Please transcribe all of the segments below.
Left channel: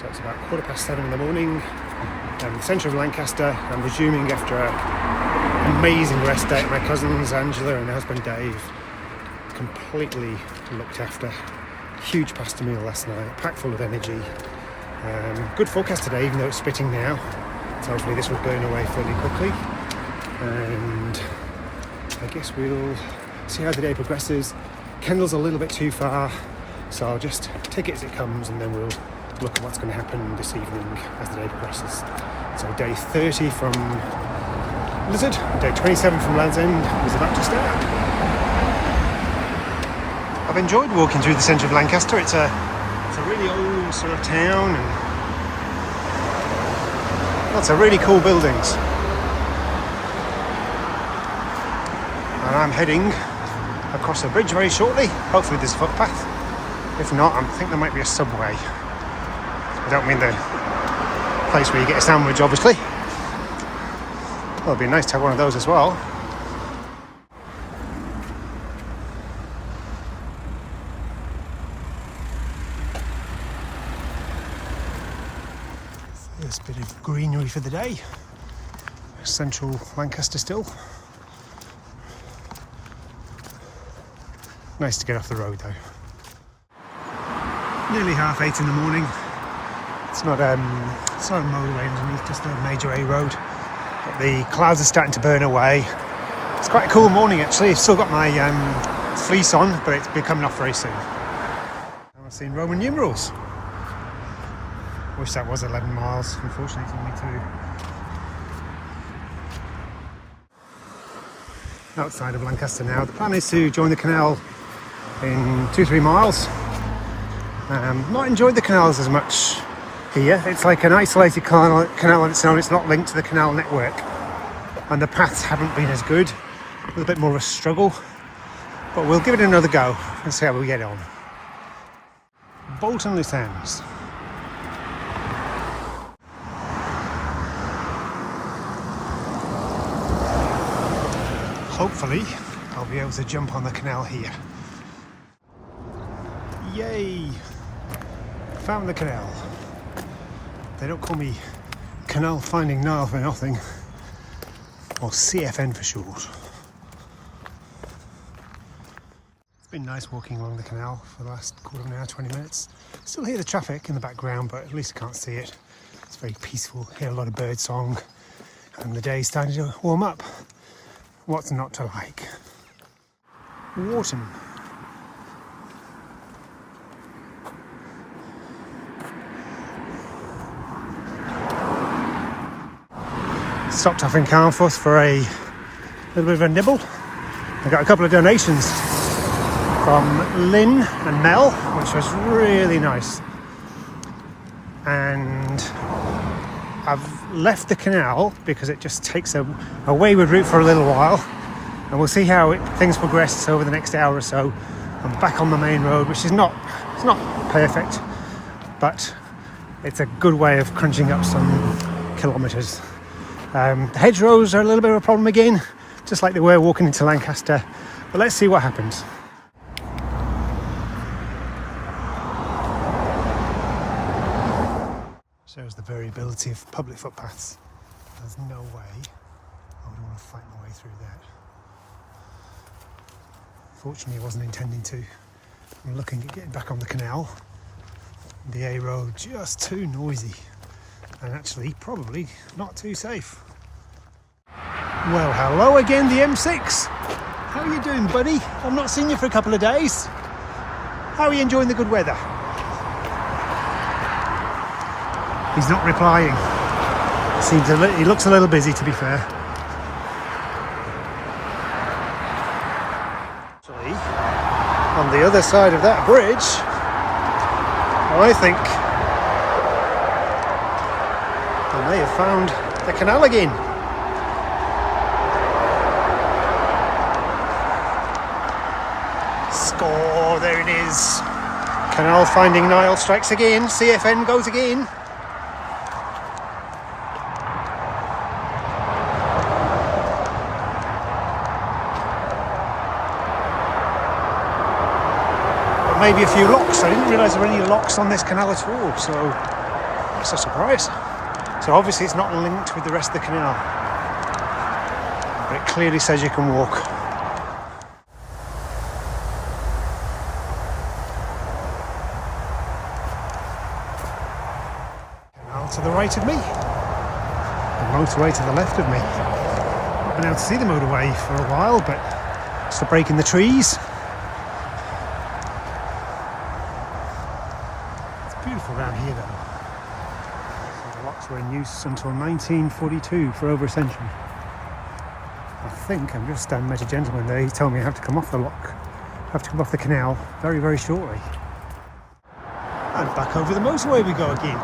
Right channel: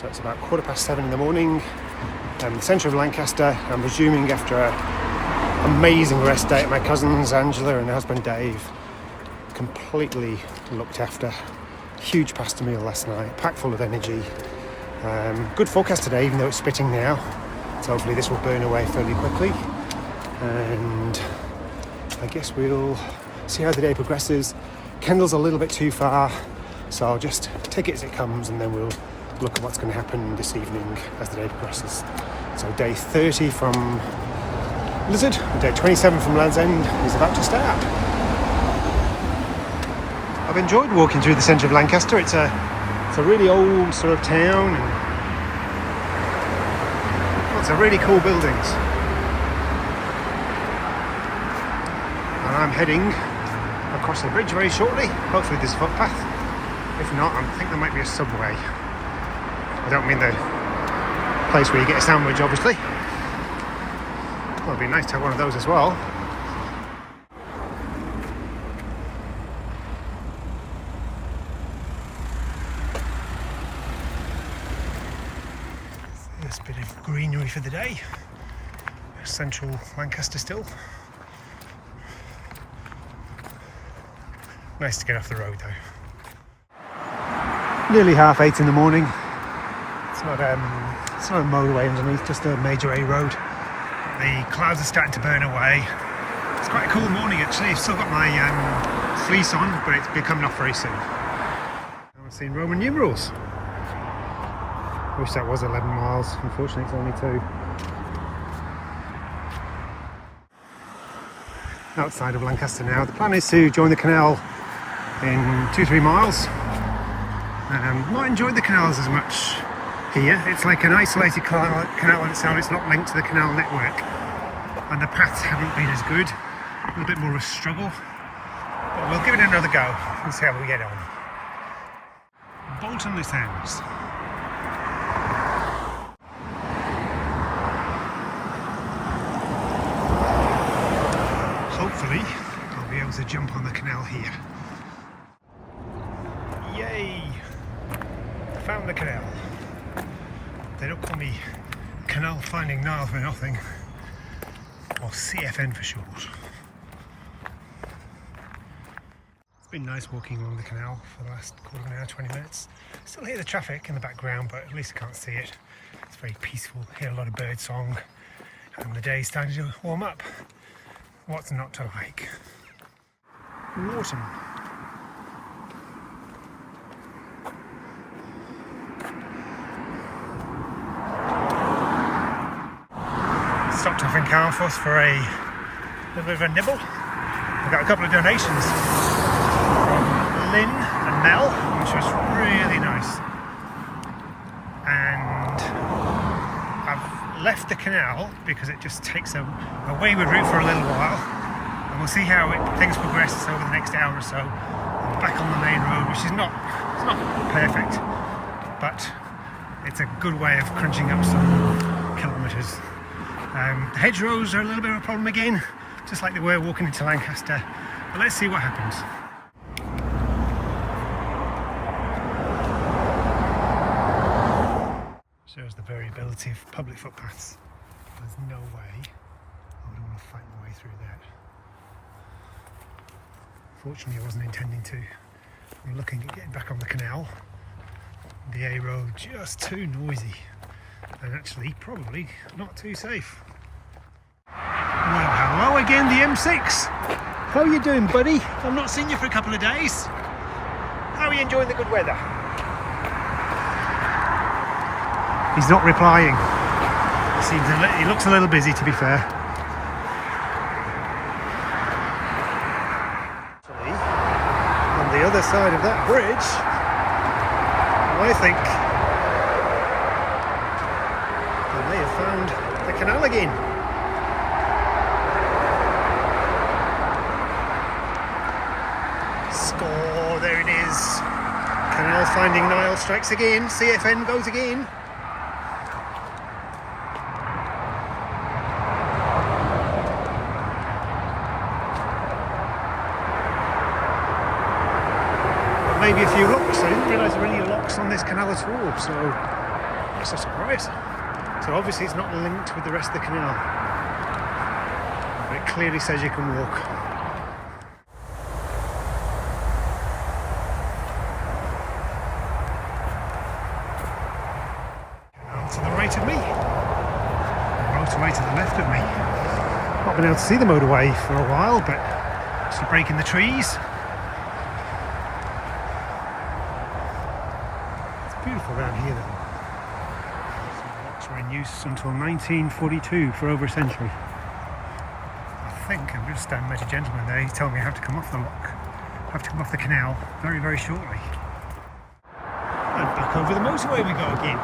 So it's about 7:15 in the morning. The centre of Lancaster. I'm resuming after an amazing rest day at my cousins Angela and her husband Dave. Completely looked after. Huge pasta meal last night, packed full of energy. Good forecast today, even though it's spitting now. So hopefully this will burn away fairly quickly. And I guess we'll see how the day progresses. Kendal's a little bit too far, so I'll just take it as it comes and then we'll look at what's going to happen this evening as the day progresses. So day 30 from Lizard, day 27 from Land's End is about to start. I've enjoyed walking through the centre of Lancaster. It's a really old sort of town and lots of really cool buildings. And I'm heading across the bridge very shortly. Hopefully there's a footpath. If not, I think there might be a subway. I don't mean the place where you get a sandwich, obviously. Well, it'd be nice to have one of those as well. First bit of greenery for the day. Central Lancaster still. Nice to get off the road though. Nearly 8:30 in the morning. It's not a motorway underneath, just a major A road. But the clouds are starting to burn away. It's quite a cool morning actually. I've still got my fleece on, but it's be coming off very soon. I've seen Roman numerals. Wish that was 11 miles. Unfortunately, it's only 2. Outside of Lancaster now. The plan is to join the canal in 2-3 miles. Not enjoyed the canals as much here. It's like an isolated canal on its own. It's not linked to the canal network, and the paths haven't been as good. A little bit more of a struggle, but we'll give it another go and see how we get on. Bolton this ends. Hopefully I'll be able to jump on the canal here. Yay! Found the canal. They don't call me Canal Finding Nile for nothing, or CFN for short. It's been nice walking along the canal for the last quarter of an hour, 20 minutes. Still hear the traffic in the background, but at least I can't see it. It's very peaceful, hear a lot of bird song, and the day's starting to warm up. What's not to like? Wharton. Stopped off in Carnforth for a little bit of a nibble. I got a couple of donations from Lynn and Mel, which was really nice. And I've left the canal because it just takes a wayward route for a little while, and we'll see how things progress over the next hour or so. I'm back on the main road, which is not perfect, but it's a good way of crunching up some kilometres. The hedgerows are a little bit of a problem again, just like they were walking into Lancaster, but let's see what happens. Shows the variability of public footpaths. There's no way I would want to fight my way through that. Fortunately I wasn't intending to. I'm looking at getting back on the canal. The A road just too noisy, and actually probably not too safe. Well, hello again, the M6. How are you doing, buddy? I've not seen you for a couple of days. How are you enjoying the good weather? He's not replying. He looks a little busy, to be fair. Actually, on the other side of that bridge, I think I may have found the canal again. Score, there it is. Canal Finding Nile strikes again. CFN goes again. Maybe a few locks. I didn't realise there were any locks on this canal at all, so That's a surprise. So obviously it's not linked with the rest of the canal, but it clearly says you can walk. Canal to the right of me, the motorway to the left of me. Not been able to see the motorway for a while, but it's the break in the trees. It's beautiful around here though. So the locks were in use until 1942, for over a century. I think I've just met a gentleman there. He told me I have to come off the lock, I have to come off the canal very, very shortly. And back over the motorway we go again.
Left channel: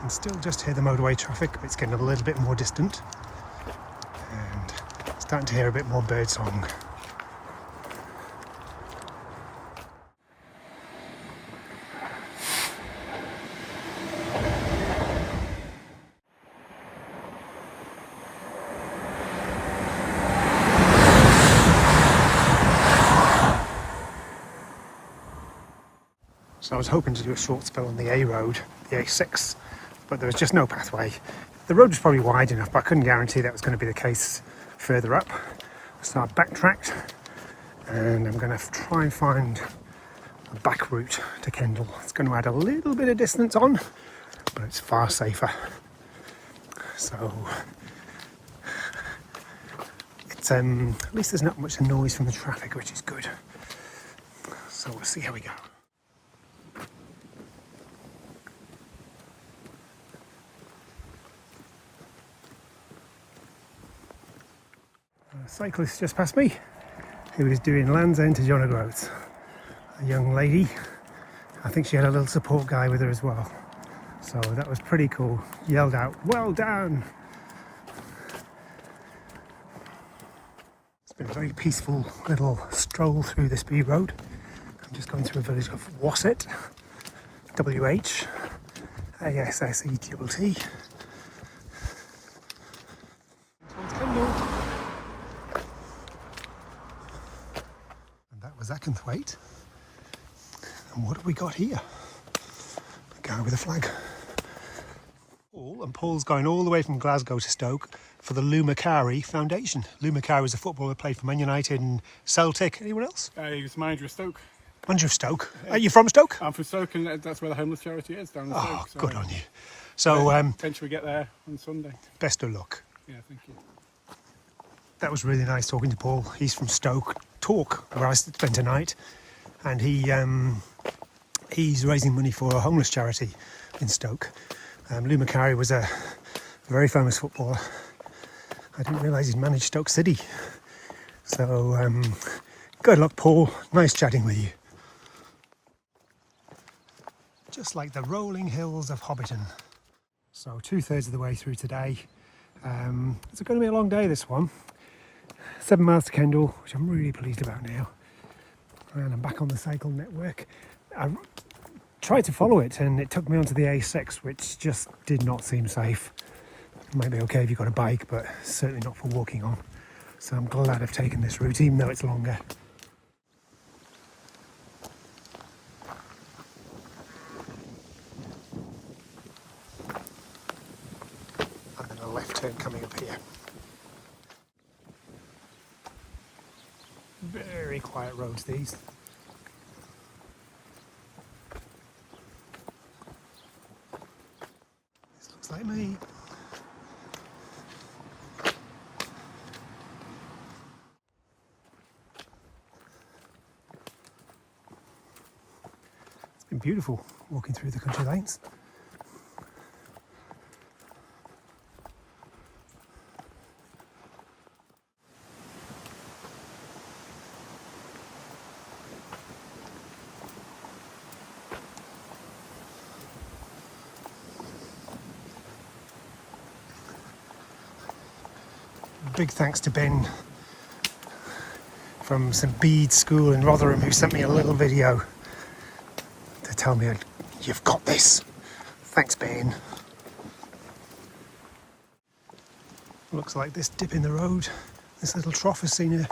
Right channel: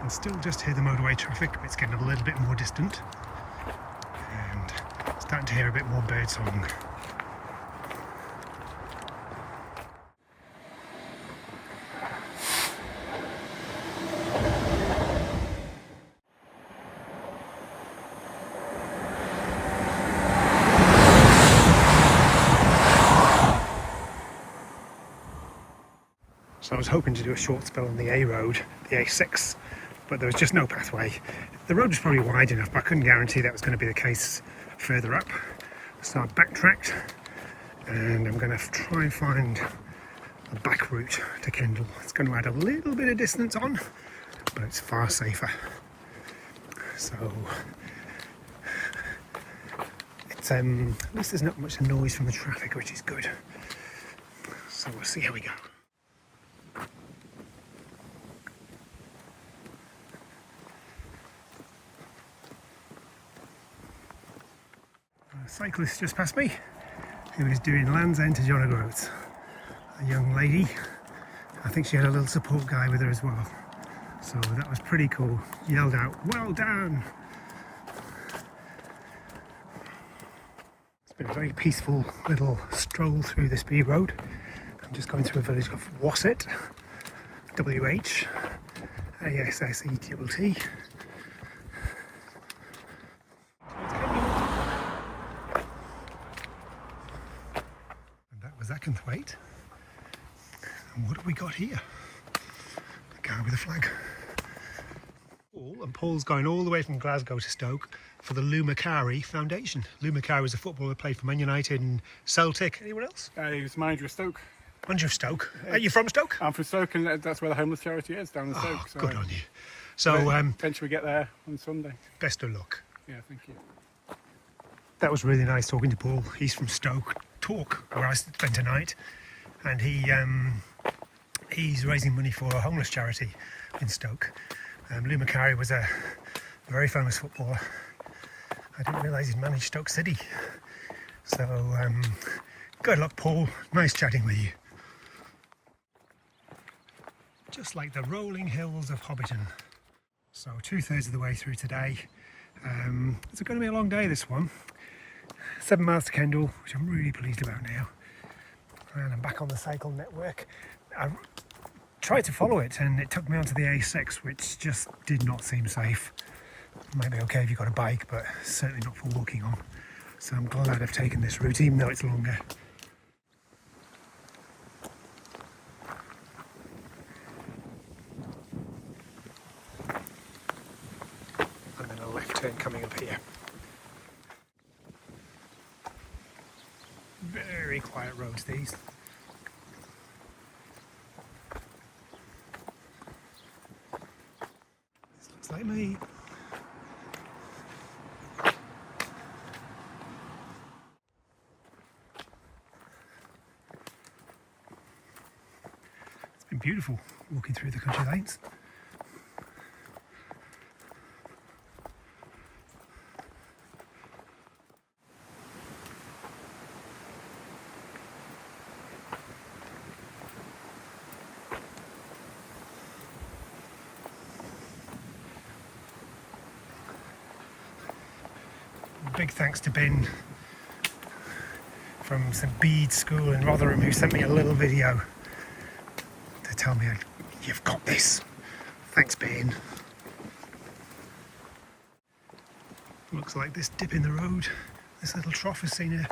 And still just hear the motorway traffic, but it's getting a little bit more distant. And starting to hear a bit more bird song. So I was hoping to do a short spell on the A road, the A6, but there was just no pathway. The road was probably wide enough, but I couldn't guarantee that was going to be the case further up. So I backtracked, and I'm going to try and find a back route to Kendal. It's going to add a little bit of distance on, but it's far safer. So it's at least there's not much noise from the traffic, which is good. So we'll see how we go. A cyclist just passed me who was doing Land's End to John O'Groats. A young lady. I think she had a little support guy with her as well. So that was pretty cool. Yelled out, "Well done!" It's been a very peaceful little stroll through this B road. I'm just going through a village of Wasset, WH, ASSETT. Zakenthwaite. And what have we got here? A guy with a flag. Paul's going all the way from Glasgow to Stoke for the Lou Macari Foundation. Lou Macari was a footballer who played for Man United and Celtic. Anyone else? He was manager of Stoke. Manager of Stoke. Are you from Stoke? I'm from Stoke, and that's where the homeless charity is, down in Stoke. Oh, so good on you. So eventually we get there on Sunday. Best of luck. Yeah, thank you. That was really nice talking to Paul. He's from Stoke, where I spent a night, and he's raising money for a homeless charity in Stoke. Lou Macari was a very famous footballer. I didn't realise he'd managed Stoke City. So good luck, Paul. Nice chatting with you. Just like the rolling hills of Hobbiton. So 2/3 of the way through today. It's going to be a long day, this one. 7 miles to Kendal, which I'm really pleased about now. And I'm back on the cycle network. I tried to follow it and it took me onto the A6, which just did not seem safe. It might be okay if you've got a bike, but certainly not for walking on. So I'm glad I've taken this route, even though it's longer. And then a left turn coming up here. Very quiet roads, these. This looks like me. It's been beautiful walking through the country lanes. Big thanks to Ben from St Bede's School in Rotherham, who sent me a little video to tell me you've got this. Thanks, Ben. Looks like this dip in the road, this little trough has seen a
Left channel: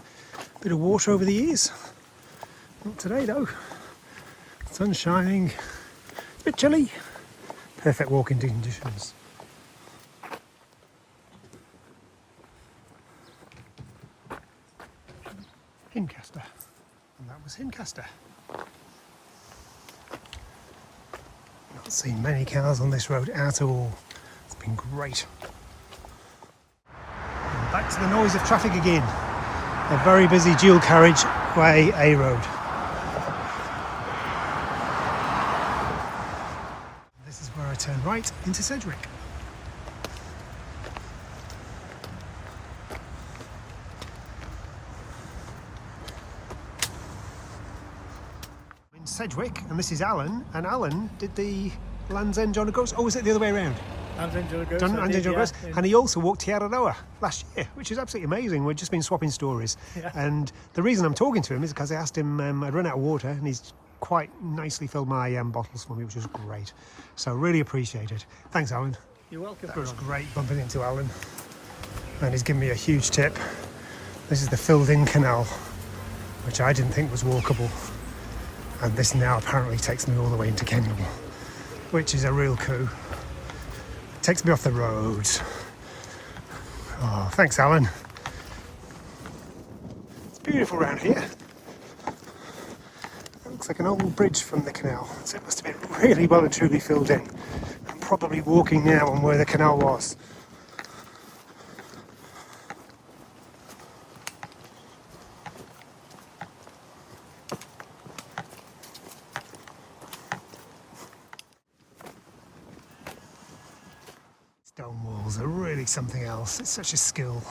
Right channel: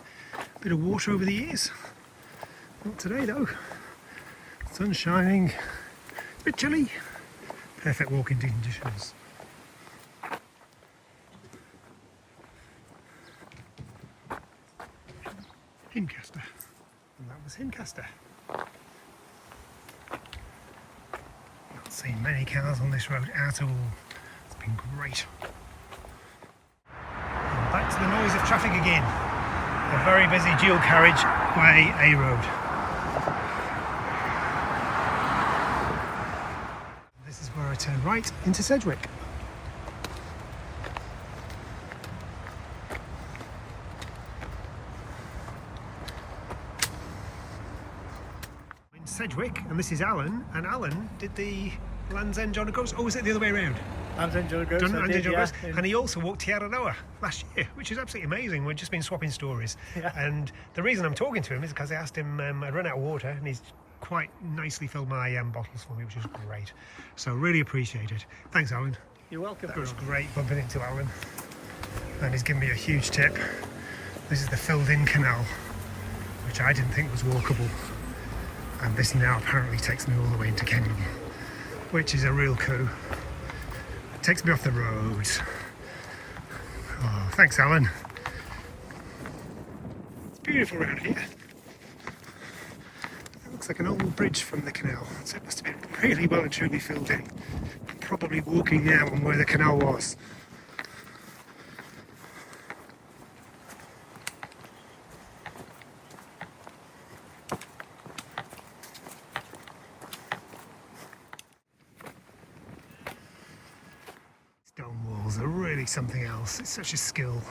Bit of water over the ears. Not today though. Sun shining. A bit chilly. Perfect walking conditions. Lancaster. And that was Lancaster. Not seen many cars on this road at all. It's been great. And back to the noise of traffic again. A very busy dual carriageway A road. This is where I turn right into Sedgwick. In Sedgwick, and this is Alan, and Alan did the Land's End John O'Groats. Oh, was it the other way around? Land's End John O'Groats. And he also walked Tiararoa last year, which is absolutely amazing. We've just been swapping stories. Yeah. And the reason I'm talking to him is because I asked him, I'd run out of water, and he's quite nicely filled my bottles for me, which is great. So really appreciate it. Thanks, Alan. You're welcome. That was great bumping into Alan. And he's given me a huge tip. This is the filled-in canal, which I didn't think was walkable. And this now apparently takes me all the way into Kendal, which is a real coup. Takes me off the roads. Oh, thanks, Alan. It's beautiful around here. It looks like an old bridge from the canal, so it must have been really well and truly filled in. I'm probably walking now on where the canal was. Stone walls are really something else. It's such a skill.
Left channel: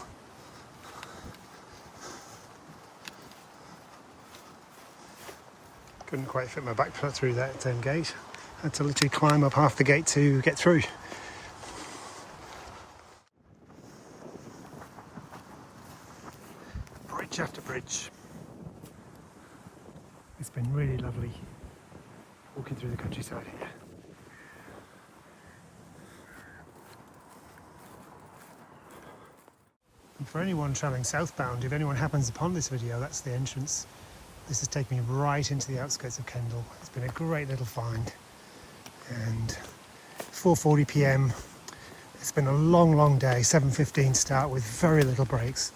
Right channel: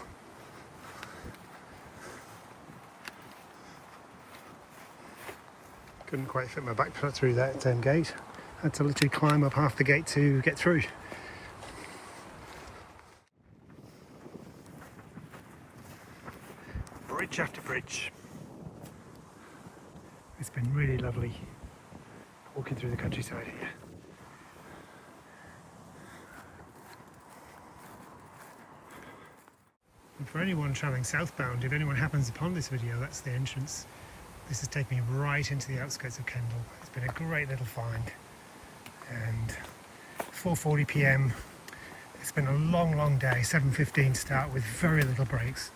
Couldn't quite fit my backpack through that gate. Had to literally climb up half the gate to get through. Bridge after bridge. It's been really lovely walking through the countryside here. And for anyone travelling southbound, if anyone happens upon this video, that's the entrance. This has taken me right into the outskirts of Kendal. It's been a great little find. And 4:40 p.m. It's been a long day, 7:15 start with very little breaks.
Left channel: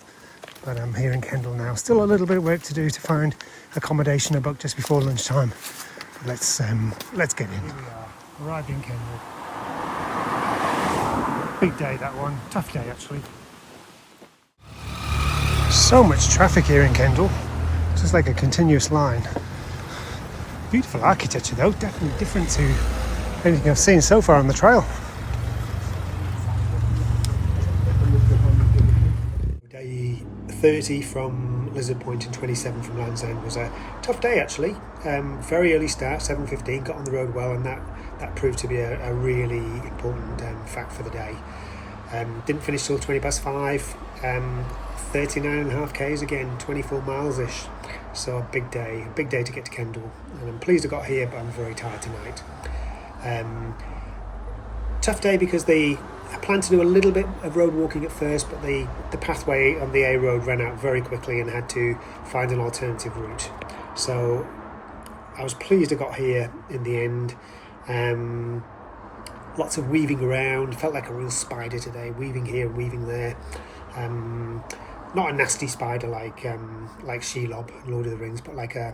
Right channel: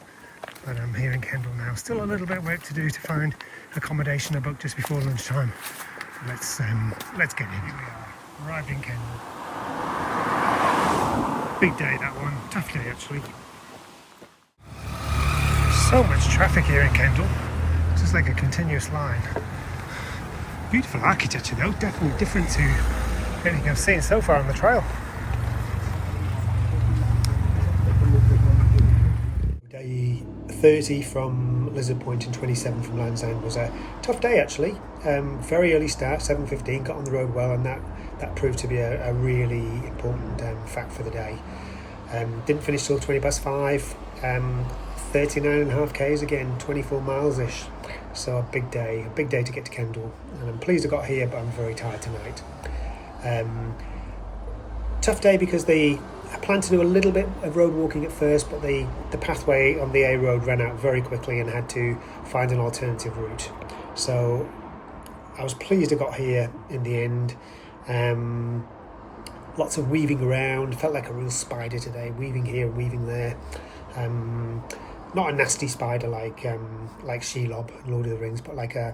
But I'm here in Kendal now. Still a little bit of work to do to find accommodation I booked just before lunchtime. Let's get in. Here we are, arrived in Kendal. Big day that one, tough day actually. So much traffic here in Kendal, just like a continuous line. Beautiful architecture though, definitely different to anything I've seen so far on the trail. Day 30 from Lizard Point and 27 from Land's End was a tough day actually. Very early start, 7:15, got on the road well, and that proved to be a really important fact for the day. Didn't finish till 20 past 5. 39.5 k's again, 24 miles-ish. So a big day to get to Kendal. And I'm pleased I got here, but I'm very tired tonight. Tough day because I planned to do a little bit of road walking at first, but the pathway on the A road ran out very quickly and had to find an alternative route. So I was pleased I got here in the end. Lots of weaving around, felt like a real spider today, weaving here and weaving there. Not a nasty spider like Shelob in Lord of the Rings, but like a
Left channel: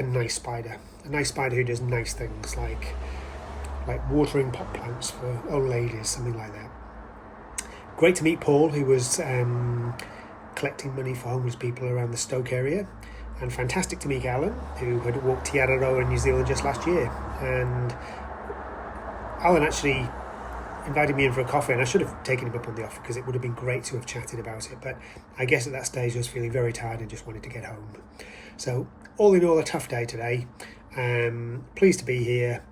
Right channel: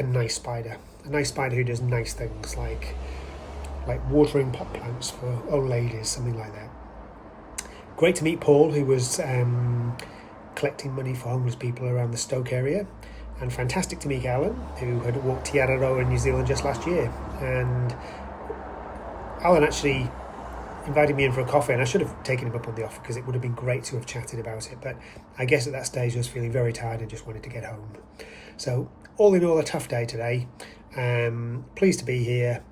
nice spider who does nice things like watering pot plants for old ladies, something like that. Great to meet Paul, who was collecting money for homeless people around the Stoke area, and fantastic to meet Alan, who had walked Tiararoa in New Zealand just last year. And Alan actually invited me in for a coffee, and I should have taken him up on the offer because it would have been great to have chatted about it, but I guess at that stage I was feeling very tired and just wanted to get home. So all in all, a tough day today. Pleased to be here.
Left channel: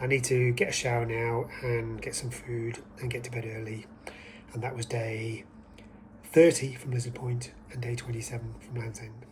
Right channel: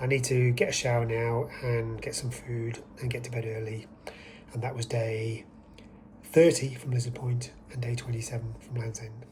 I need to get a shower now and get some food and get to bed early. And that was day 30 from Lizard Point and day 27 from Land's End.